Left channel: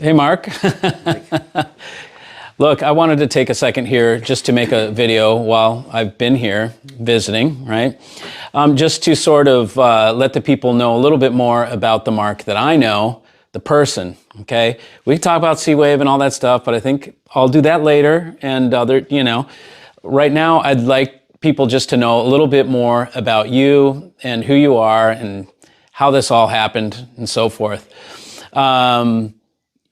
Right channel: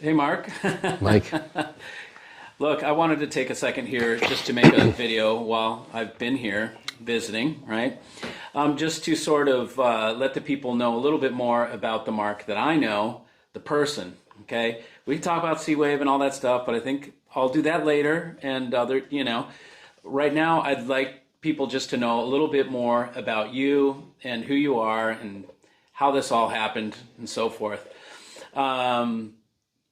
Hey, Mark. Mike. Look, I wanted to take a second here just to make a video while I've been here visiting, right? Just to sort of let the people know a little bit more about the Mark that I know, the person, okay? We can talk about C-Wave and all that stuff, but I think I'll do that later. And right now I'd like people just to know a little bit more about you and who you are and how this all happened and so forth.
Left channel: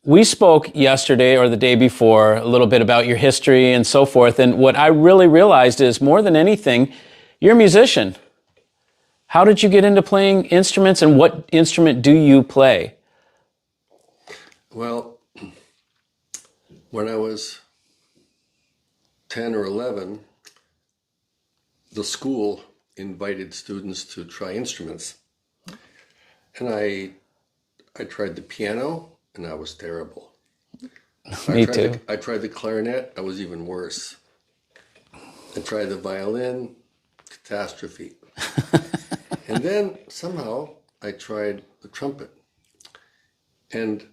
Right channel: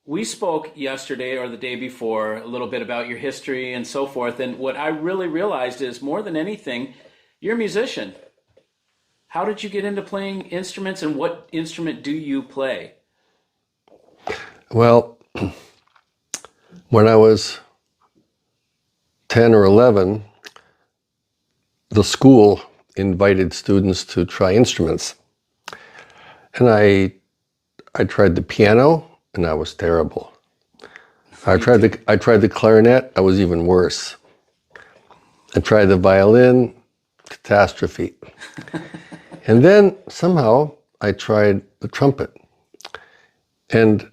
We spoke yesterday or the day before a little bit about your history and so forth. And what I really realized is more than anything, you're a musician. How did you get into playing instruments and what instrument do you play? Well, when I was 10 or 11, the school invited students to try instruments. And I tried the piano, and I was terrible. I tried the clarinet, I was even worse. I tried the violin, catastrophe. And then somehow I tried the trumpet. And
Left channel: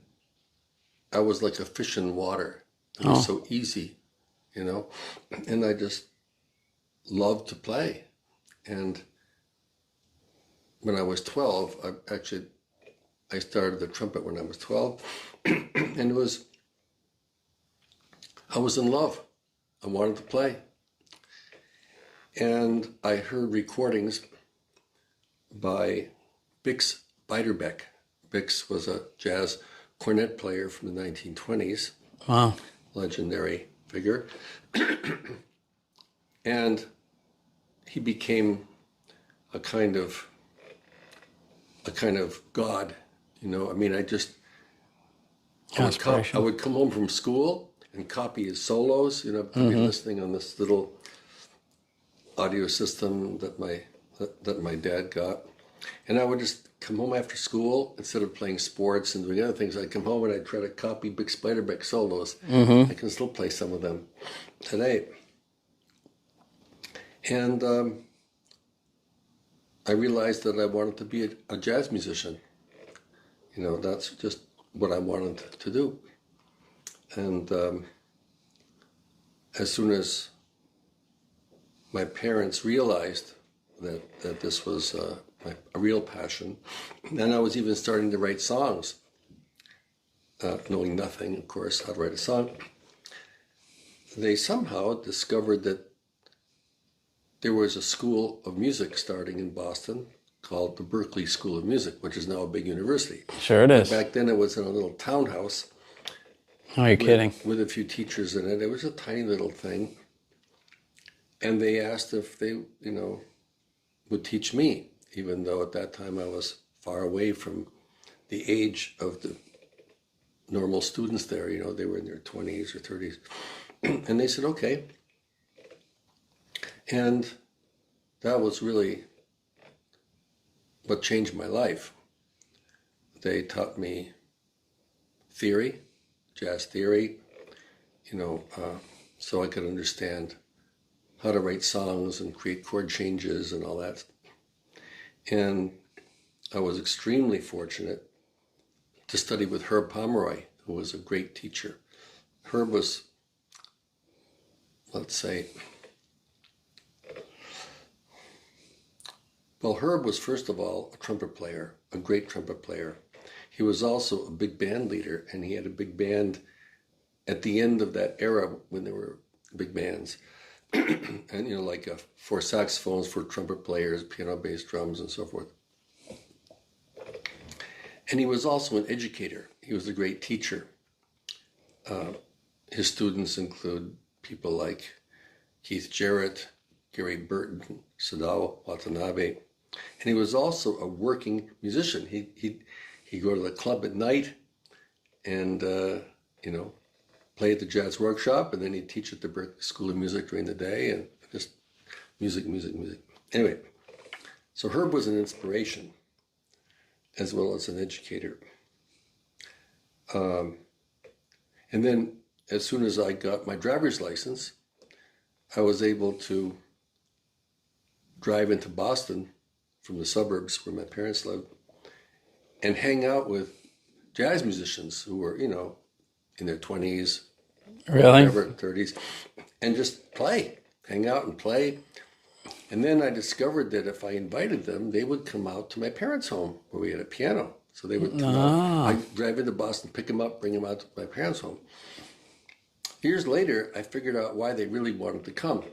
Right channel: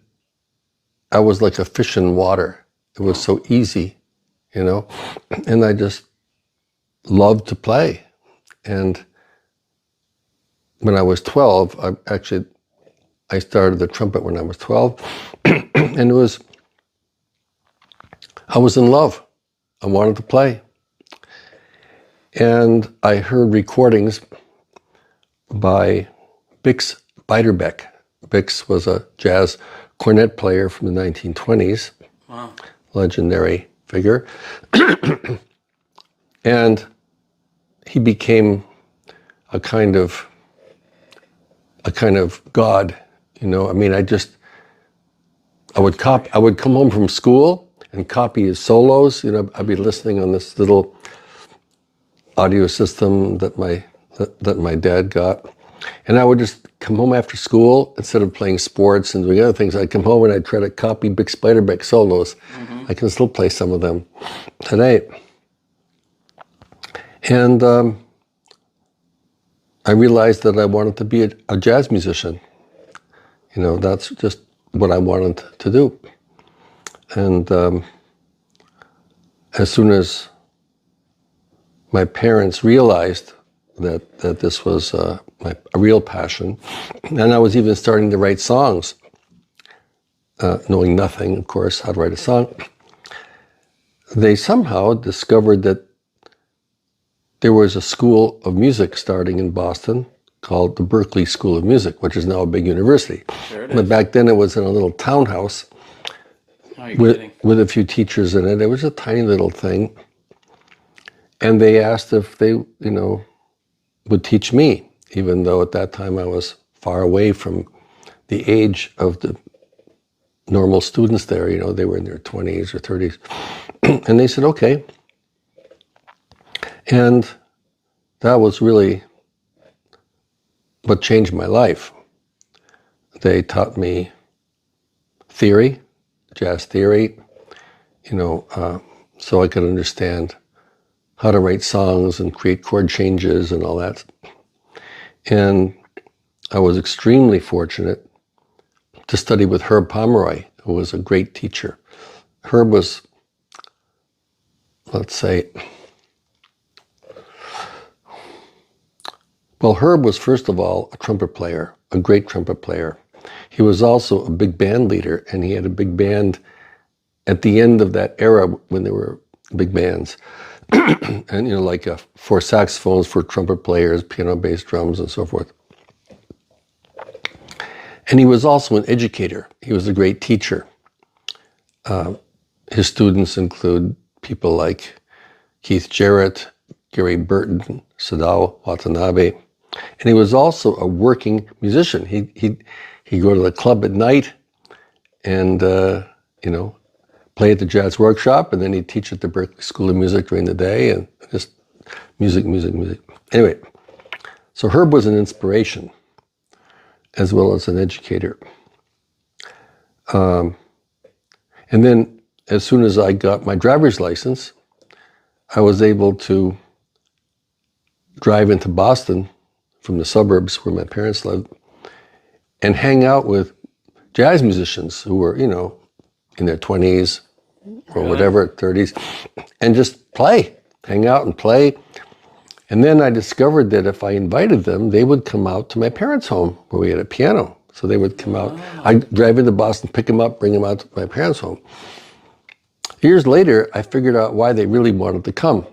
I was like a fish in water. It was so easy, you know? And I just loved to play. And when I was 12, I started the trumpet when I was 12, and I was in love. I wanted to play. And I heard recordings by Bix Beiderbecke. Bix was a jazz cornet player from the 1920s, Wow. Legendary figure. And he became a kind of god. You know, I mean, I would come home from school and copy his solos. You know, I'd be listening on this little audio system that my dad got, and I would just come home after school instead of playing sports and doing other things. I'd come home and I'd try to copy Bix Beiderbecke solos. I can still play some of them today, and I realized that I wanted to be a jazz musician. You know, that's just what I wanted to do. And as soon as my parents realized that this was a real passion, and I was even starting to write songs, knowing nothing, of course, how to write a song, they somehow discovered that there was a school of music starting in Boston called the Berklee School of Music, which is now a big university. Sure it But is. back then it was in a little townhouse Are you kidding? with a few teachers in it. It was a tiny little thing. And they asked if they, would teach me, even though at that time I was far away from the age of the normal students there. You know, they were in their 20s or 30s. And they said, okay. And that was really what changed my life. They taught me theory, jazz theory, so I could understand how to write songs and create chord changes and all that. And I was extremely fortunate to study with Herb Pomeroy, who was a great teacher. Herb was, Herb was first of all a trumpet player, a great trumpet player. He was also a big band leader, and he had a big band at the end of that era when there were big bands. And, like 4 saxophones, 4 trumpet players, piano, bass, drums, and so forth. And he was also an educator. He was a great teacher. His students include people like Keith Jarrett, Gary Burton, Sadao Watanabe. And he was also a working musician. He'd go to the club at night and, play at the jazz workshop, and then he'd teach at the Berklee School of Music during the day, and just music. Anyway, so Herb was an inspiration as well as an educator. And then as soon as I got my driver's license, I was able to drive into Boston from the suburbs where my parents lived and hang out with jazz musicians who were, in their 20s or Really? whatever, 30s, and just play, hang out and play. And then I discovered that if I invited them, they would come out to my parents' home where we had a piano. So they would come out. I'd drive into Boston, pick them up, bring them out to my parents' home. Years later, I figured out why they really wanted to come,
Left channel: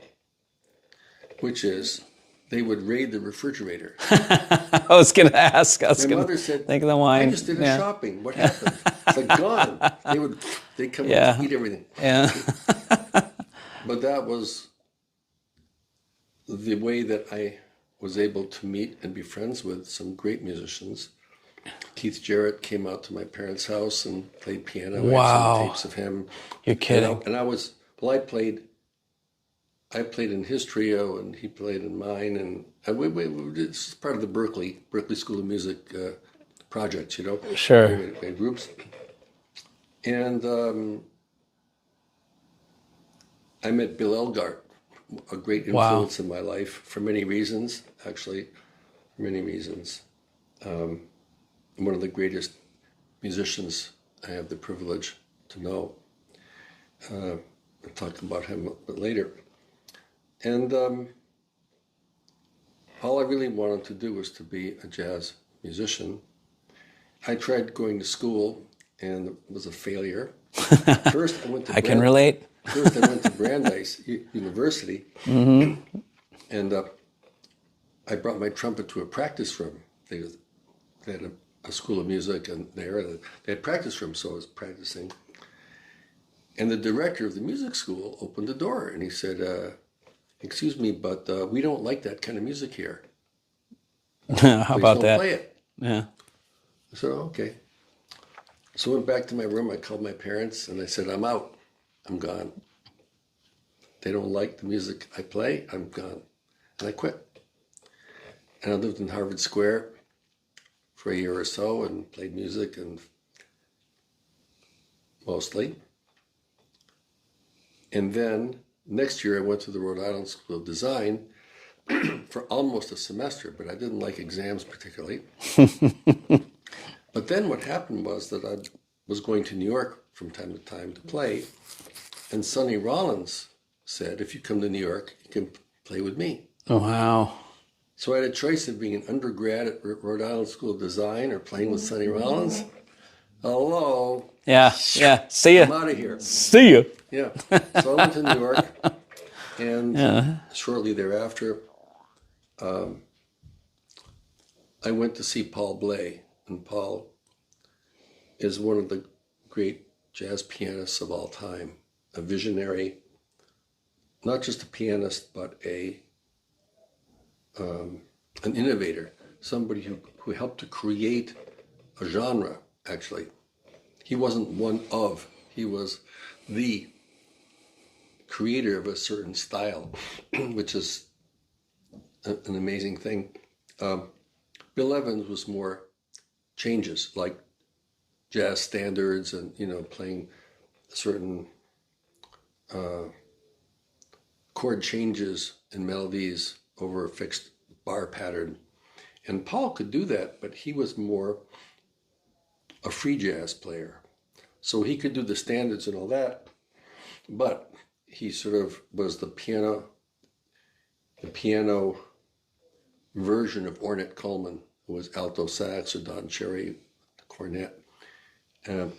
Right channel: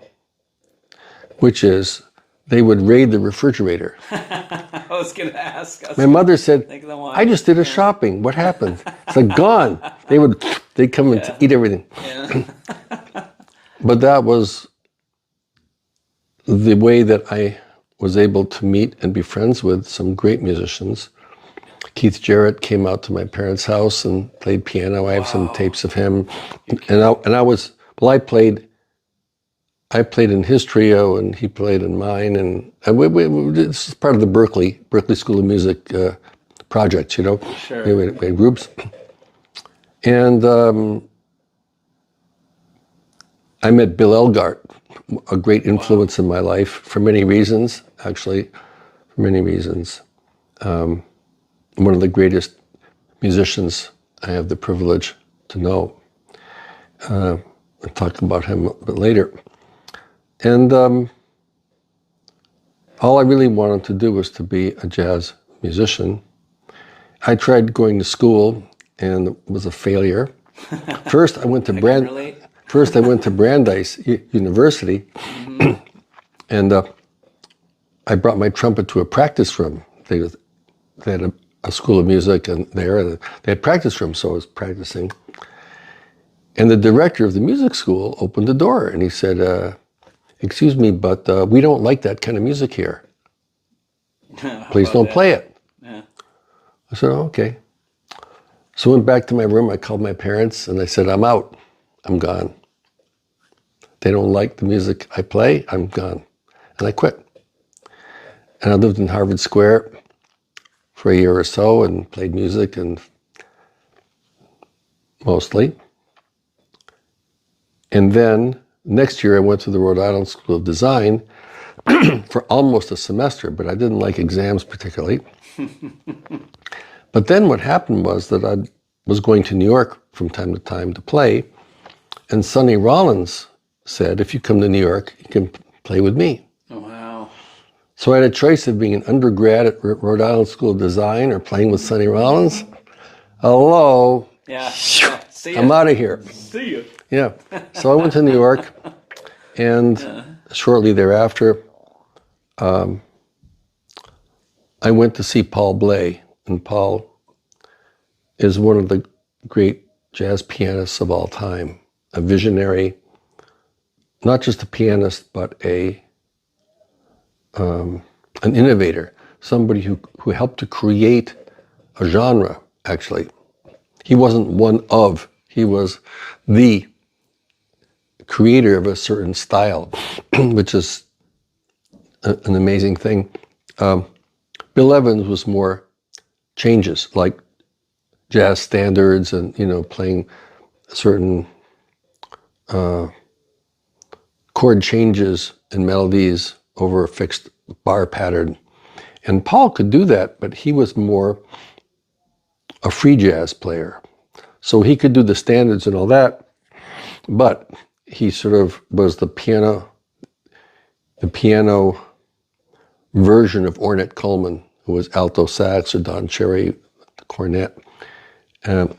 which is they would raid the refrigerator. I was going to ask. My mother said, think of the wine. I just did a shopping. What happened? It's like gone. They'd come and eat everything. Yeah. But that was the way that I was able to meet and be friends with some great musicians. Keith Jarrett came out to my parents' house and played piano. I have some tapes of him. I played in his trio and he played in mine. And this is part of the Berkeley School of Music project, you know. Sure. We had groups. And I met Bill Elgart, a great influence in my life for many reasons, actually, for many reasons. One of the greatest musicians I have the privilege to know. I'll talk about him a bit later. And all I really wanted to do was to be a jazz musician. I tried going to school and it was a failure. First, I went to can relate. First, I went to Brandeis University, and I brought my trumpet to a practice room. They had a school of music and they had practice rooms, so I was practicing. And the director of the music school opened the door and he said, excuse me, but we don't like that kind of music here. Please don't play it. Yeah. I said, oh, okay. So I went back to my room, I called my parents and I said, I'm out, I'm gone. They don't like the music I play, I'm gone. And I quit. And I lived in Harvard Square for a year or so and played music and mostly. And then next year I went to the Rhode Island School of Design for almost a semester, but I didn't like exams particularly. But then what happened was that I was going to New York from time to time to play, and Sonny Rollins said, if you come to New York, you can play with me. Oh, wow. So I had a choice of being an undergrad at Rhode Island School of Design or playing with Sonny Rollins. Hello. Yeah. See ya. I'm out of here. See you. Yeah. So I went to New York, and shortly thereafter, I went to see Paul Bley. And Paul is one of the great jazz pianists of all time, a visionary, not just a pianist, but an innovator, somebody who helped to create a genre, actually. He wasn't one of, he was the creator of a certain style, which is an amazing thing. Bill Evans was more changes, like jazz standards and, playing certain chord changes and melodies over a fixed bar pattern. And Paul could do that, but he was more a free jazz player. So he could do the standards and all that, but he sort of was the piano version of Ornette Coleman, who was alto sax, or Don Cherry, the cornet. And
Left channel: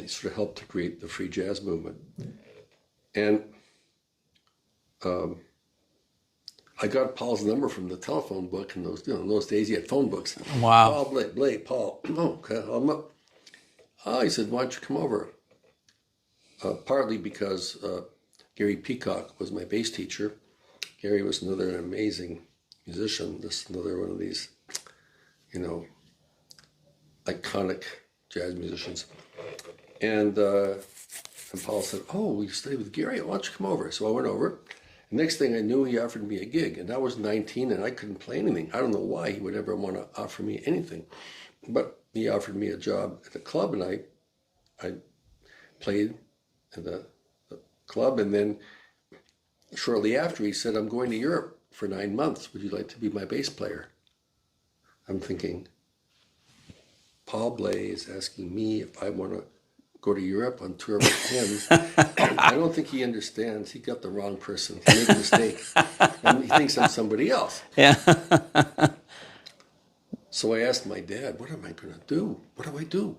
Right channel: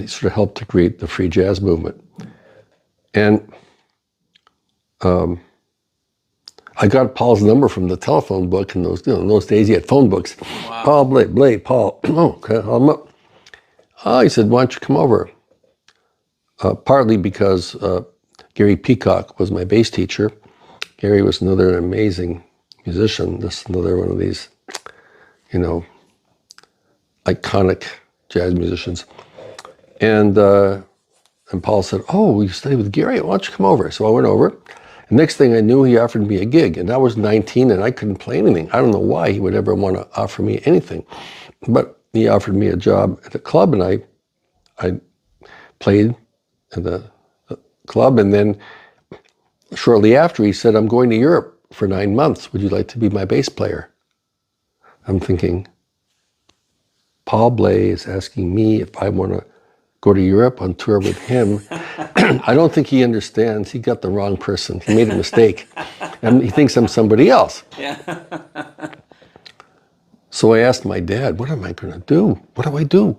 he sort of helped to create the free jazz movement. And I got Paul's number from the telephone book in those, in those days he had phone books. Wow. Paul Bley, Paul. Oh, okay, I'm up. Oh, he said, why don't you come over? Partly because Gary Peacock was my bass teacher. Gary was another amazing musician, just another one of these, iconic jazz musicians. And Paul said, oh, you study with Gary? Why don't you come over? So I went over. And next thing I knew, he offered me a gig. And I was 19 and I couldn't play anything. I don't know why he would ever want to offer me anything. But he offered me a job at a club, and I played at the club. And then shortly after, he said, I'm going to Europe for 9 months. Would you like to be my bass player? I'm thinking, Paul Bley is asking me if I want to go to Europe on tour with him. I don't think he understands. He got the wrong person. He made a mistake. And he thinks I'm somebody else. Yeah. So I asked my dad, what am I going to do? What do I do?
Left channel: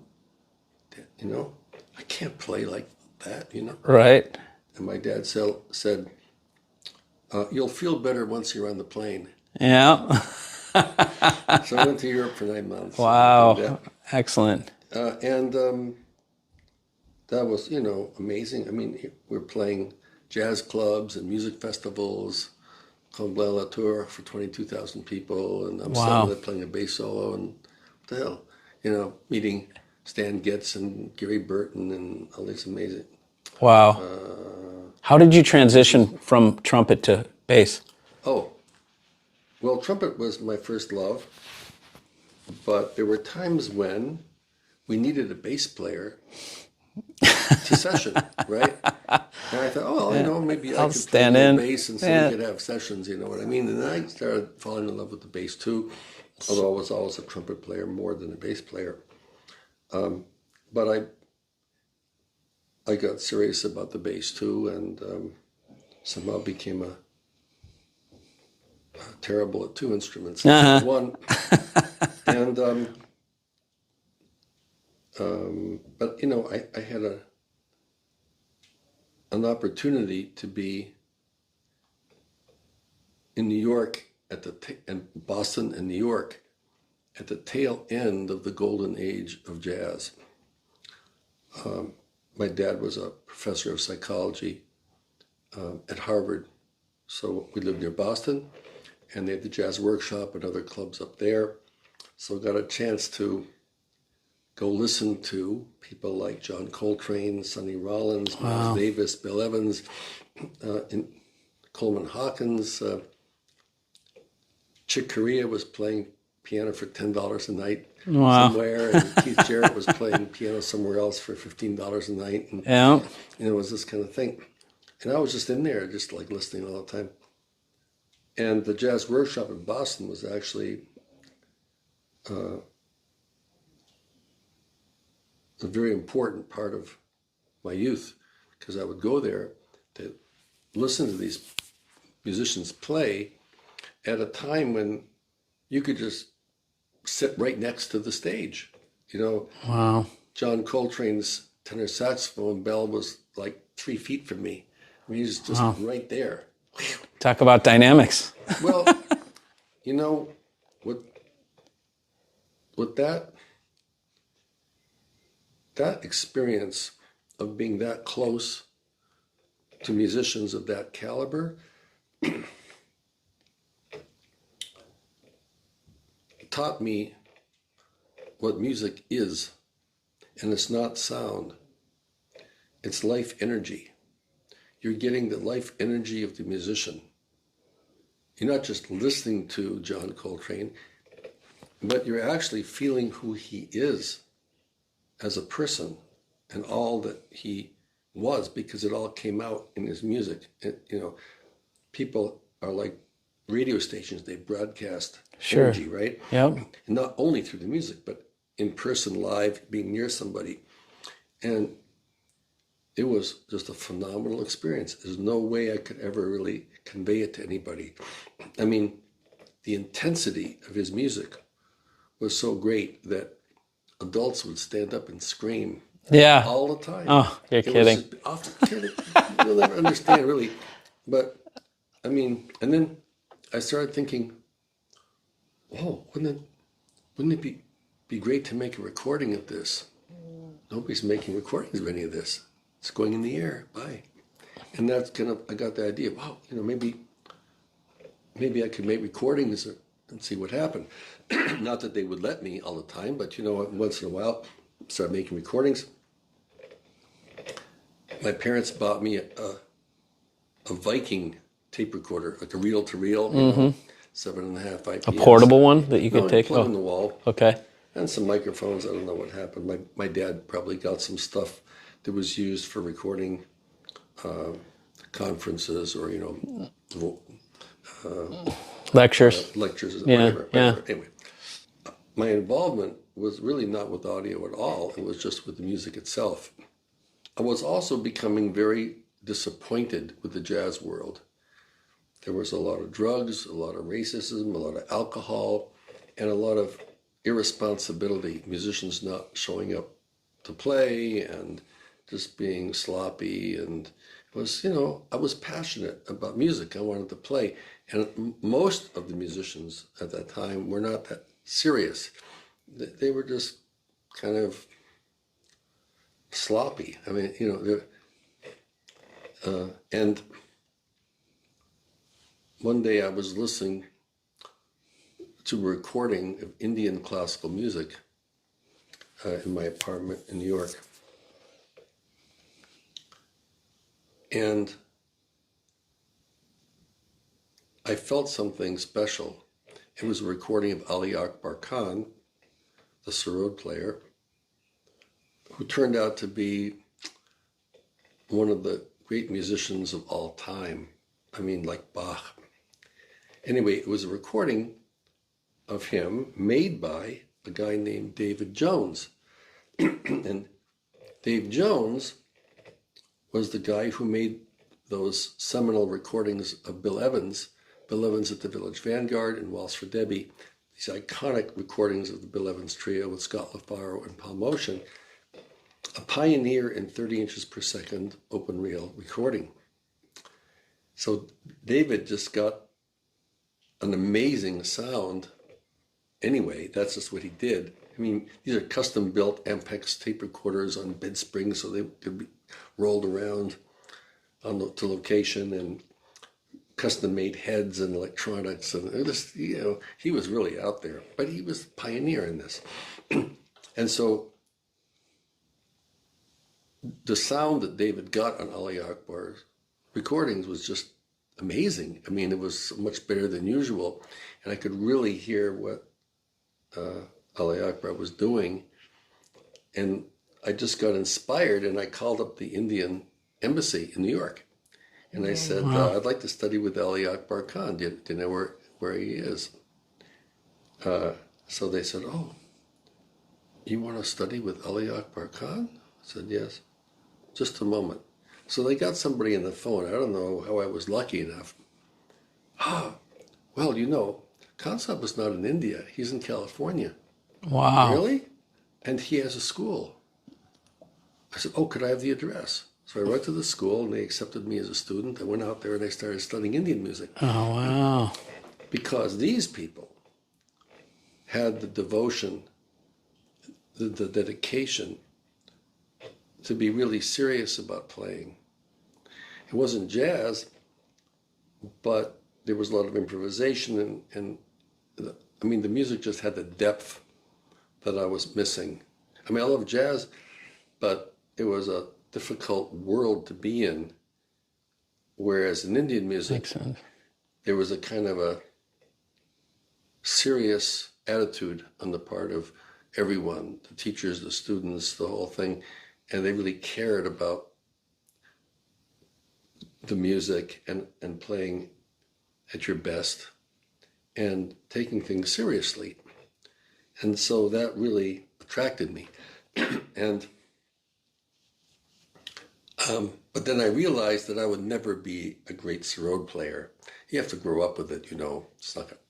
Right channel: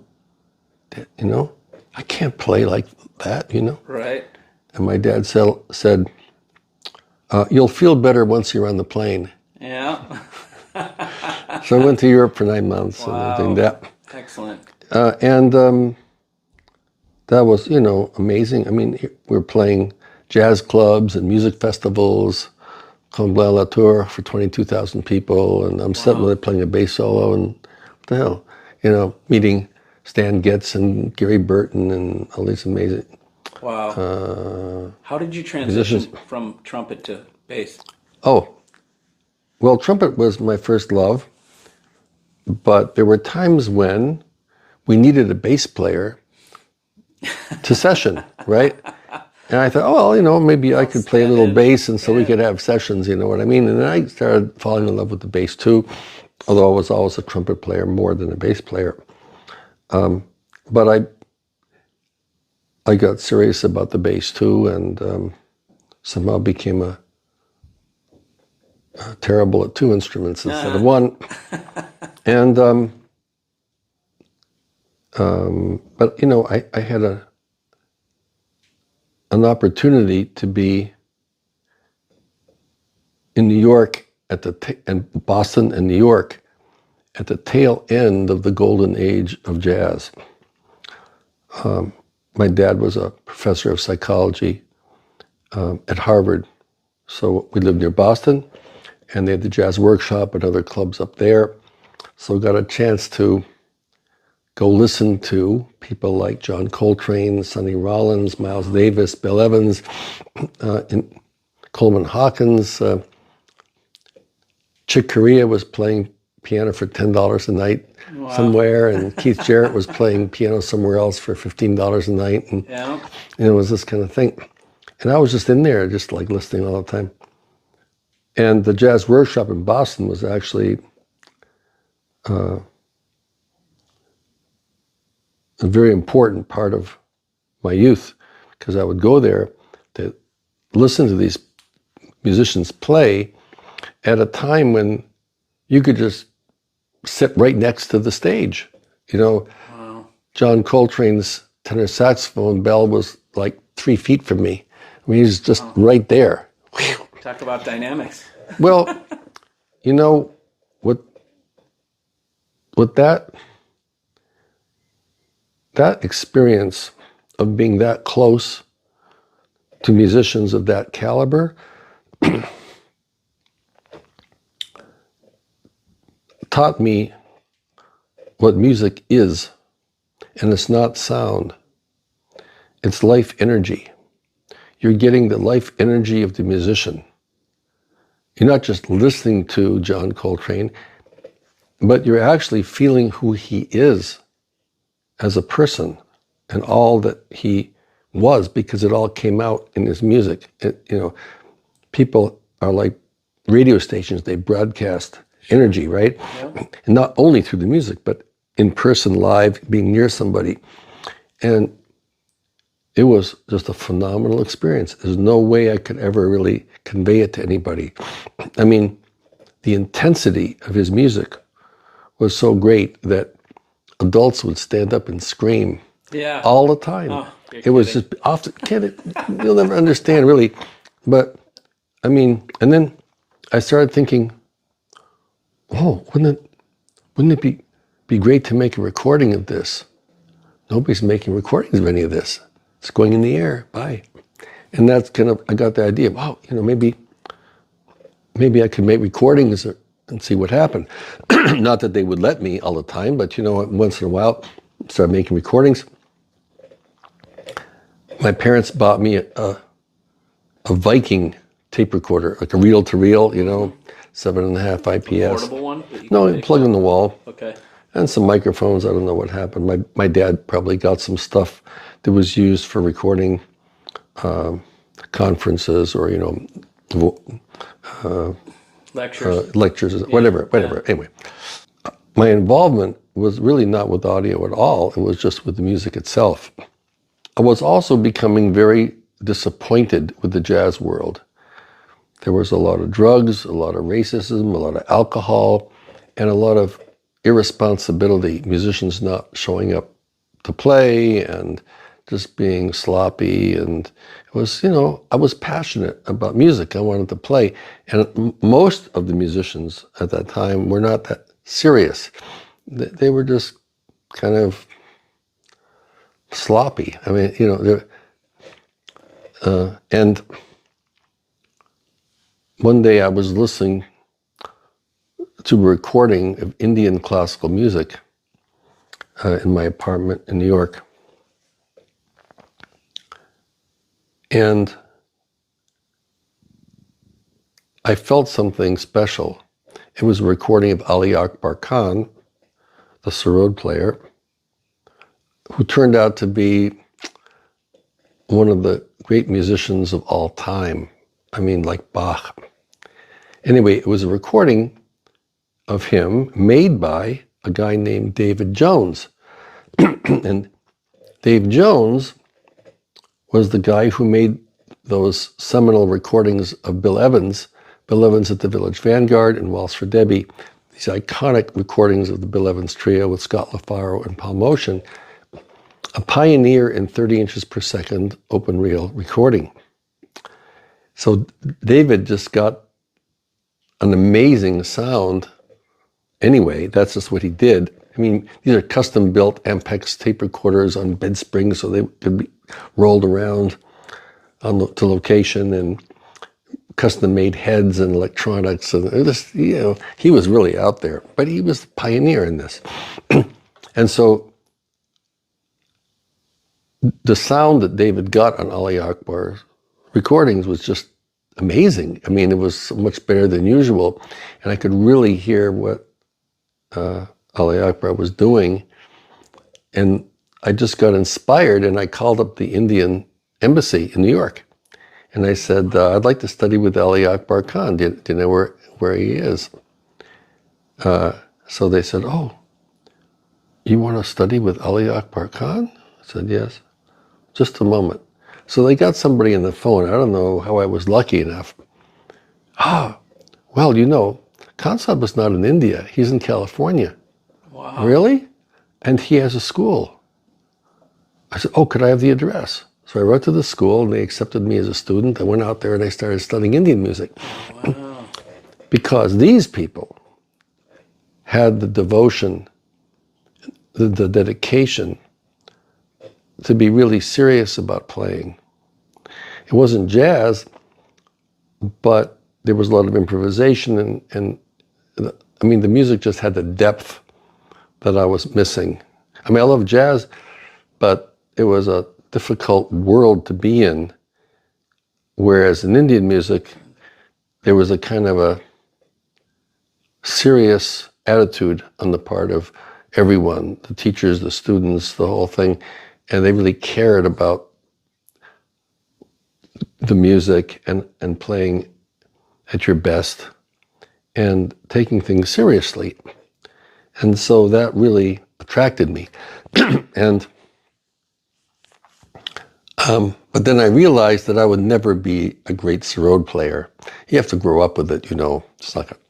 You know, I can't play like that, you know? Right. And my dad said, you'll feel better once you're on the plane. Yeah. So I went to Europe for 9 months. Wow. And that. Excellent. That was, you know, amazing. I mean, we were playing jazz clubs and music festivals, Comble La Tour for 22,000 people, and I'm sitting there playing a bass solo, and what the hell, you know, meeting Stan Getz and Gary Burton and all these amazing. Wow. How did you transition from trumpet to bass? Oh, well, trumpet was my first love, but there were times when we needed a bass player to session, right? And I thought, oh, well, you know, maybe I could play a little bass and so we could have sessions, you know what I mean? And then I started falling in love with the bass too, although I was always a trumpet player more than a bass player. But I got serious about the bass too, and somehow became terrible at two instruments instead of one. And but you know, I had an opportunity to be in New York and Boston and New York at the tail end of the golden age of jazz. My dad was a professor of psychology at Harvard, so we lived near Boston, and they had the jazz workshop and other clubs up there. So I got a chance to go listen to people like John Coltrane, Sonny Rollins, Miles Davis, Bill Evans, Coleman Hawkins. Chick Corea was playing piano for $10 a night somewhere, and Keith Jarrett was playing piano somewhere else for $15 a night. And it was this kind of thing. And I was just in there, just like listening all the time. And the jazz workshop in Boston was actually a very important part of my youth, because I would go there to listen to these musicians play at a time when you could just sit right next to the stage. You know, John Coltrane's tenor saxophone bell was like 3 feet from me. I mean, he's just right there. Talk about dynamics. Well, you know, what that experience of being that close to musicians of that caliber taught me what music is. And it's not sound. It's life energy. You're getting the life energy of the musician. You're not just listening to John Coltrane, but you're actually feeling who he is as a person and all that he was, because it all came out in his music. You know, people are like radio stations. They broadcast energy, right? And not only through the music, but in person, live, being near somebody. And it was just a phenomenal experience. There's no way I could ever really convey it to anybody. I mean, the intensity of his music was so great that adults would stand up and scream all the time. Oh, you're kidding. Was just often, you'll never understand really. But I mean, and then I started thinking, oh, wouldn't it be great to make a recording of this? Nobody's making recordings of any of this. It's going in the air. Bye. And that's kind of, I got the idea, wow, you know, maybe I could make recordings and see what happened. Not that they would let me all the time, but you know, once in a while, start making recordings. My parents bought me a Viking tape recorder, like a reel-to-reel, you know, 7.5 IPS. A portable one that you can take? Plug in the wall. Okay. And some microphones. I don't know what happened. My dad probably got some stuff that was used for recording conferences or, you know, lectures, whatever. Anyway, my involvement was really not with audio at all. It was just with the music itself. I was also becoming very disappointed with the jazz world. There was a lot of drugs, a lot of racism, a lot of alcohol, and a lot of irresponsibility. Musicians not showing up to play and just being sloppy. And it was, you know, I was passionate about music. I wanted to play. And most of the musicians at that time were not that serious. They were just kind of sloppy. I mean, you know, and one day I was listening to a recording of Indian classical music in my apartment in New York. And I felt something special. It was a recording of Ali Akbar Khan, the sarod player, who turned out to be one of the great musicians of all time. I mean, like Bach. Anyway, it was a recording of him made by a guy named David Jones. And Dave Jones was the guy who made those seminal recordings of Bill Evans at the Village Vanguard and Waltz for Debbie, these iconic recordings of the Bill Evans Trio with Scott LaFaro and Paul Motion, a pioneer in 30 inches per second open reel recording. So David just got an amazing sound. Anyway, that's just what he did. I mean, these are custom built Ampex tape recorders on bed springs so they could be rolled around to location, and custom made heads and electronics. And it was, you know, he was really out there, but he was the pioneer in this. And so the sound that David got on Ali Akbar's recordings was just amazing. I mean, it was so much better than usual. And I could really hear what Ali Akbar was doing. And I just got inspired, and I called up the Indian embassy in New York. And I said, wow, I'd like to study with Ali Akbar Khan. Do you know where he is? So they said, oh, you want to study with Ali Akbar Khan? I said, yes. Just a moment. So they got somebody on the phone. I don't know how I was lucky enough. Well, you know, Khan Sahib is not in India. He's in California. Wow. Really? And he has a school. I said, oh, could I have the address? So I wrote to the school, and they accepted me as a student. I went out there and I started studying Indian music. Oh, wow. Because these people had the devotion, the dedication to be really serious about playing. It wasn't jazz, but there was a lot of improvisation, and I mean, the music just had the depth that I was missing. I mean, I love jazz, but it was a difficult world to be in, whereas in Indian music, there was a kind of a serious attitude on the part of everyone, the teachers, the students, the whole thing, and they really cared about the music and playing at your best and taking things seriously. And so that really attracted me. And but then I realized that I would never be a great sarod player. You have to grow up with it, you know. It's not gonna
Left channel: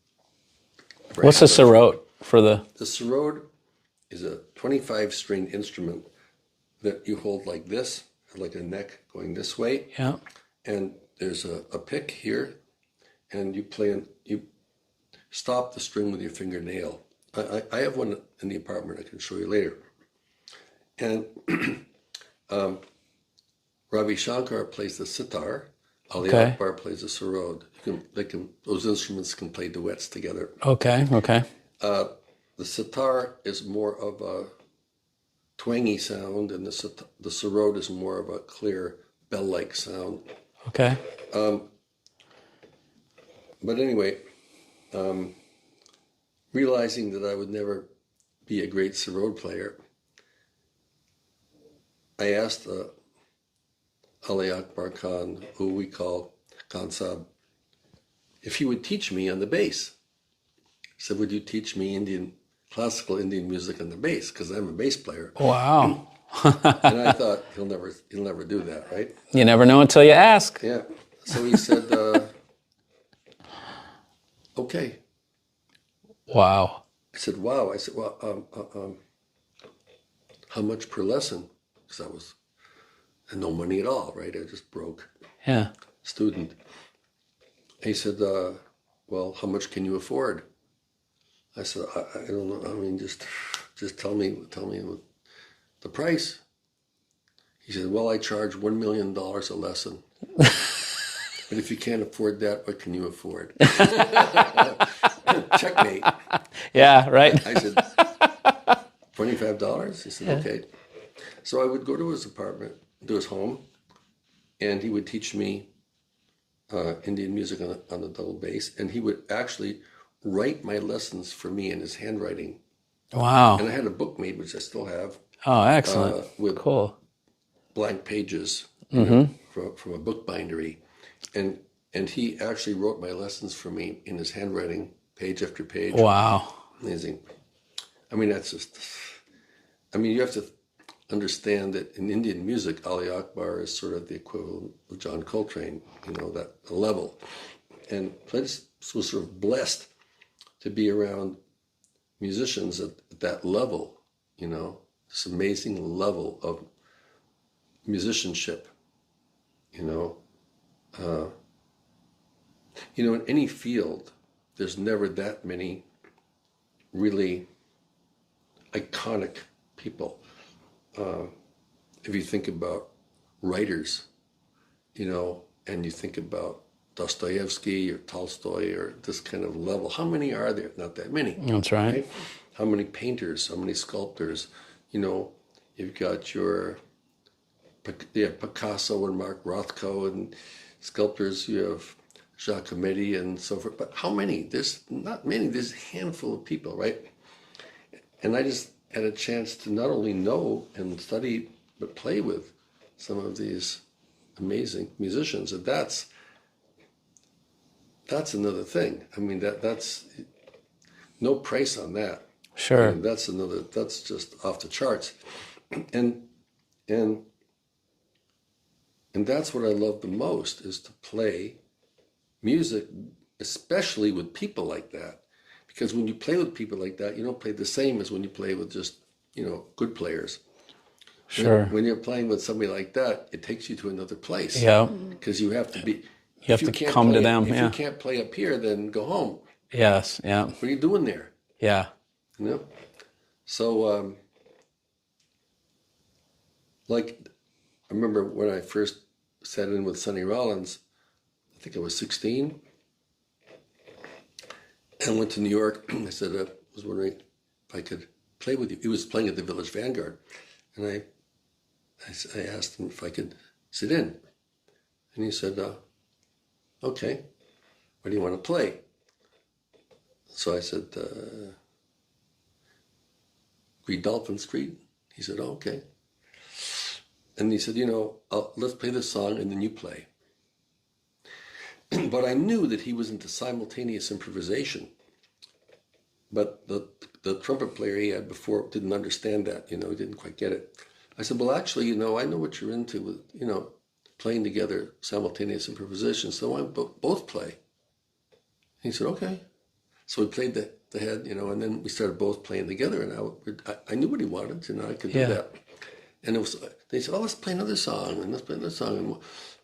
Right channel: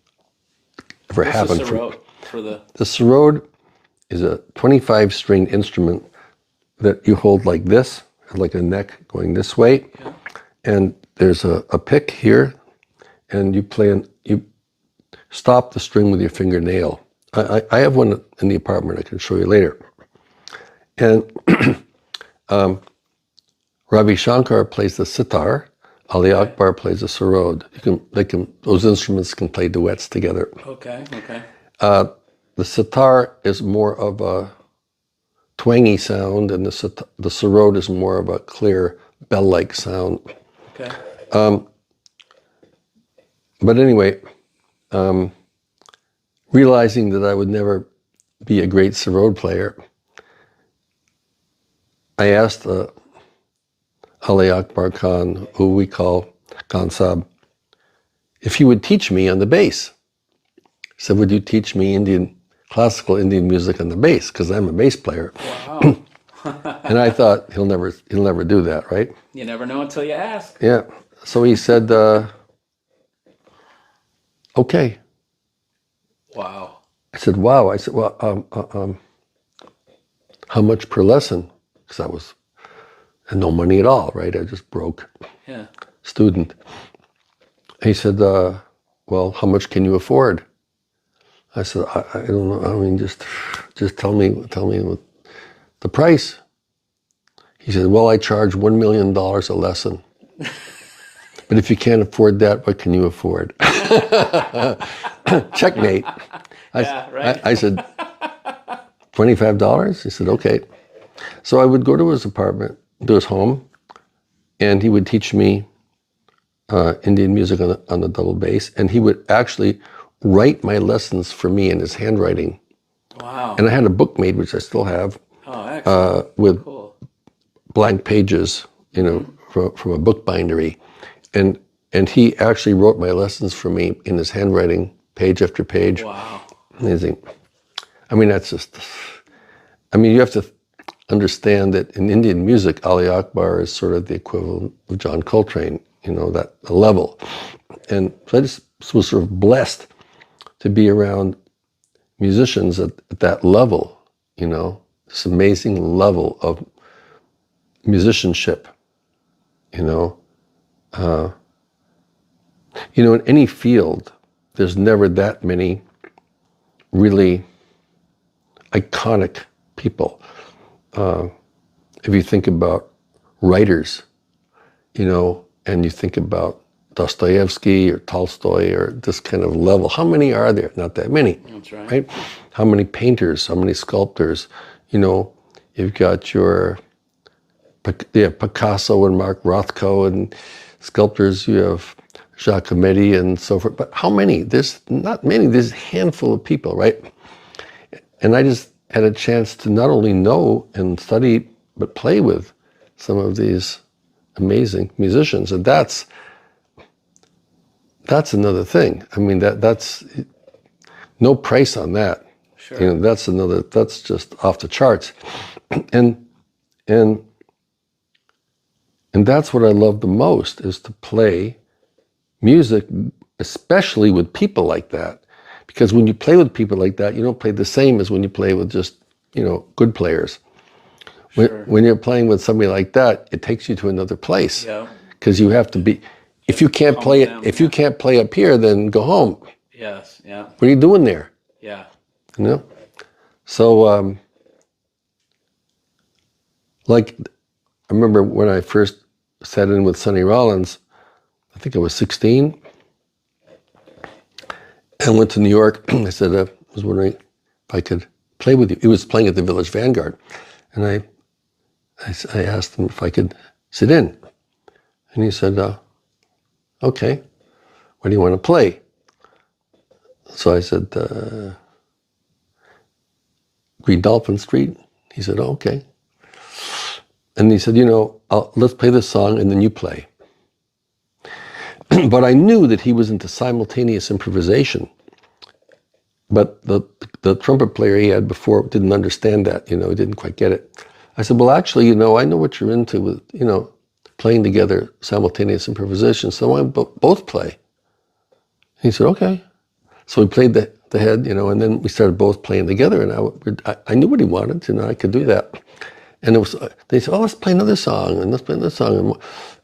What's a sarod for the? The sarod is a 25-string instrument that you hold like this, like a neck going this way. Yeah. And there's a pick here, and you stop the string with your fingernail. I have one in the apartment I can show you later. And Ravi Shankar plays the sitar, Ali Akbar plays the sarod. Those instruments can play duets together. Okay. The sitar is more of a twangy sound, and the sarod is more of a clear bell-like sound. Okay. But anyway, realizing that I would never be a great sarod player, I asked Ali Akbar Khan, who we call Khan Sahib, if he would teach me on the bass. He said, would you teach me classical Indian music on the bass? Because I'm a bass player. Wow. And I thought he'll never do that, right? You never know until you ask. Yeah. So he said, okay. Wow. I said, wow. I said, well, how much per lesson? Because I had no money at all, right? I just broke Yeah. student. He said, well, how much can you afford? I said, I don't know. I mean, just tell me what the price. He said, well, I charge $1 million a lesson. But if you can't afford that, what can you afford? Checkmate. Yeah, right. I said, $25? He said, okay. So I would go to his apartment, to his home, and he would teach me Indian music on the double bass. And he would actually write my lessons for me in his handwriting. Wow. And I had a book made, which I still have, Oh, excellent. with Cool. blank pages, you know, from a book bindery. And he actually wrote my lessons for me in his handwriting, page after page. Wow. Amazing. I mean, you have to understand that in Indian music, Ali Akbar is sort of the equivalent of John Coltrane, you know, that level. And so I just was sort of blessed to be around musicians at that level, you know, this amazing level of musicianship, you know. In any field, there's never that many really iconic people. If you think about writers, you know, and you think about Dostoevsky or Tolstoy or this kind of level, how many are there? Not that many. That's right. Right? How many painters, how many sculptors? You know, you've got Picasso and Mark Rothko, and sculptors, you have Giacometti and so forth. But how many? There's not many. There's a handful of people, right? And I just had a chance to not only know and study, but play with some of these amazing musicians. And that's another thing. I mean, that's no price on that. Sure. And that's just off the charts. And that's what I love the most, is to play music, especially with people like that. Because when you play with people like that, you don't play the same as when you play with just, you know, good players. Sure. When you're playing with somebody like that, it takes you to another place. Yeah. Because you have to be, if you can't play if you can't play up here, then go home. Yes. Yeah. What are you doing there? Yeah. You know? So, like, I remember when I first sat in with Sonny Rollins, I think I was 16, and went to New York. I said, I was wondering if I could play with you. He was playing at the Village Vanguard. And I asked him if I could sit in. And he said, okay, what do you want to play? So I said, Green Dolphin Street. He said, oh, okay. And he said, you know, let's play this song and then you play. But I knew that he was into simultaneous improvisation. But the trumpet player he had before didn't understand that, you know, he didn't quite get it. I said, well, actually, you know, I know what you're into with, you know, playing together simultaneous improvisation, so why don't both play? He said, okay. So we played the head, you know, and then we started both playing together, and I knew what he wanted, you know, I could do that. And they said, oh, let's play another song, and let's play another song. And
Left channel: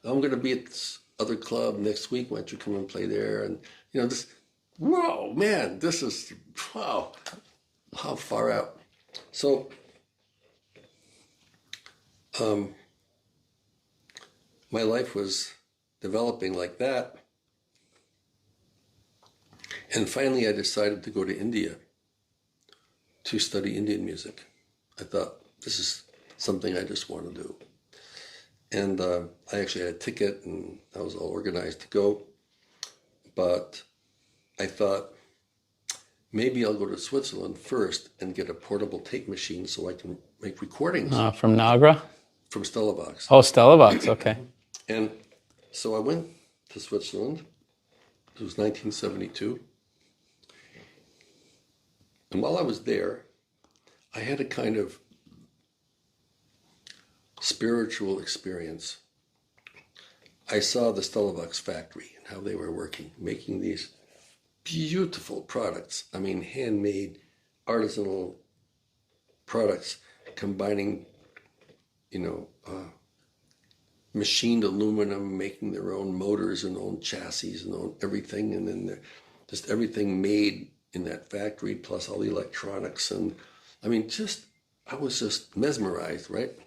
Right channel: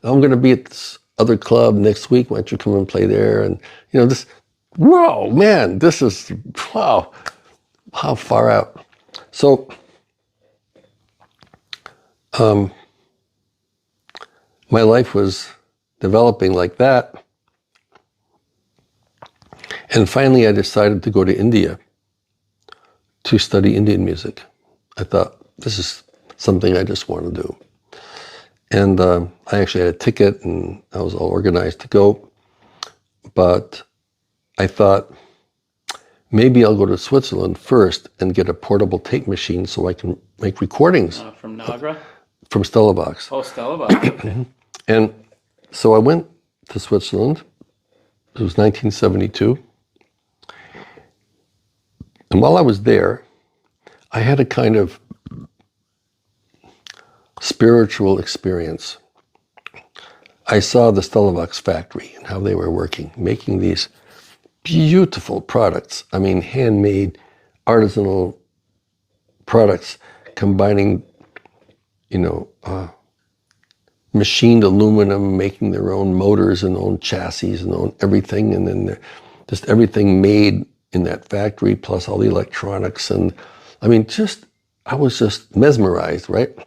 I'm going to be at this other club next week. Why don't you come and play there? And, you know, this, whoa, man, this is, wow, how far out. So, my life was developing like that. And finally, I decided to go to India to study Indian music. I thought, this is something I just want to do. And I actually had a ticket, and I was all organized to go. But I thought, maybe I'll go to Switzerland first and get a portable tape machine so I can make recordings. From Nagra? From Stella Box. Oh, Stella Box, okay. And so I went to Switzerland. It was 1972. And while I was there, I had a kind of spiritual experience. I saw the Stellavox factory and how they were working, making these beautiful products. I mean, handmade, artisanal products, combining, machined aluminum, making their own motors and own chassis and own everything, and then just everything made in that factory, plus all the electronics. And I mean, I was just mesmerized, right?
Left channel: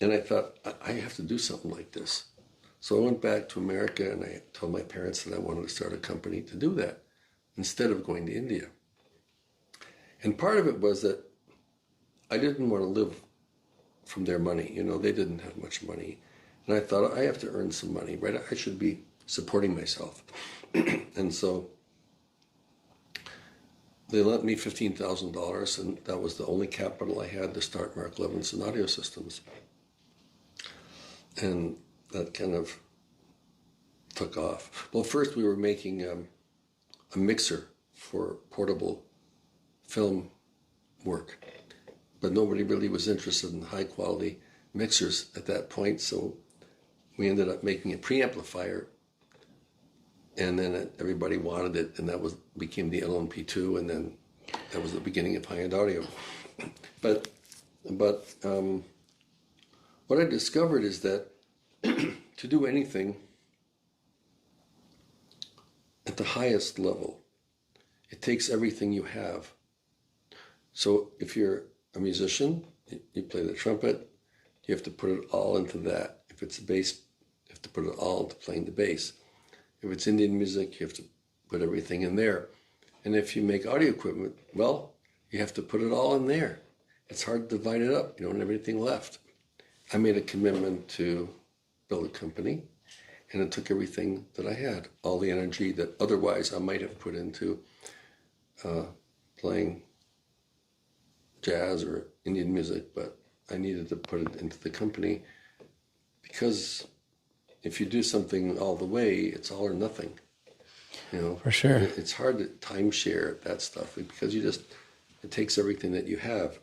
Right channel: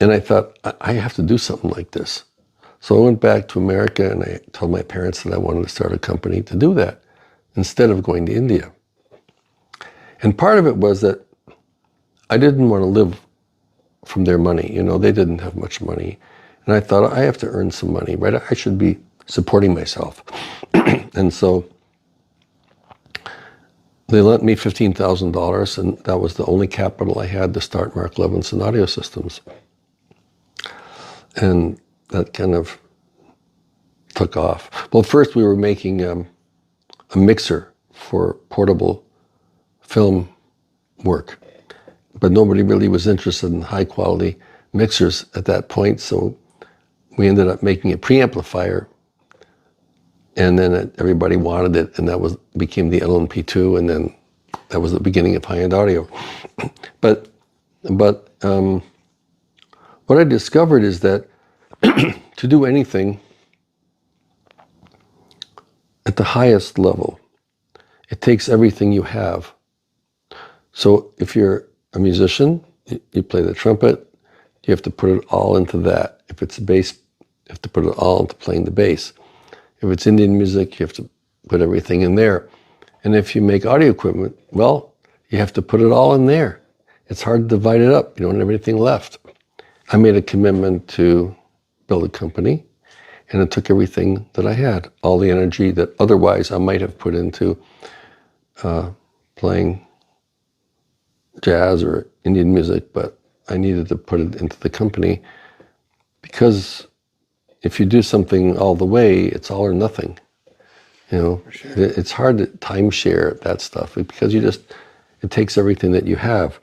And I thought, I have to do something like this. So I went back to America and I told my parents that I wanted to start a company to do that instead of going to India. And part of it was that I didn't want to live from their money. They didn't have much money. And I thought, I have to earn some money, right? I should be supporting myself. And so they lent me $15,000, and that was the only capital I had to start Mark Levinson Audio Systems. And that kind of took off. Well, first we were making a mixer for portable film work, but nobody really was interested in high quality mixers at that point, so we ended up making a preamplifier, and then everybody wanted it, and that became the LNP2, and then that was the beginning of high-end audio. But what I discovered is that to do anything at the highest level, it takes everything you have. So if you're a musician, you play the trumpet, you have to put it all into that. If it's a bass, you have to put it all into playing the bass. If it's Indian music, you have to put everything in there. And if you make audio equipment, well, you have to put it all in there. It's hard to divide it up. You don't have anything left. I made a commitment to build a company, and it took everything that I had, all the energy that otherwise I might have put into playing jazz or Indian music, but I needed to put it into the company, because if you do something all the way, it's all or nothing. For sure. It's hard to timeshare that stuff because it takes everything that you have.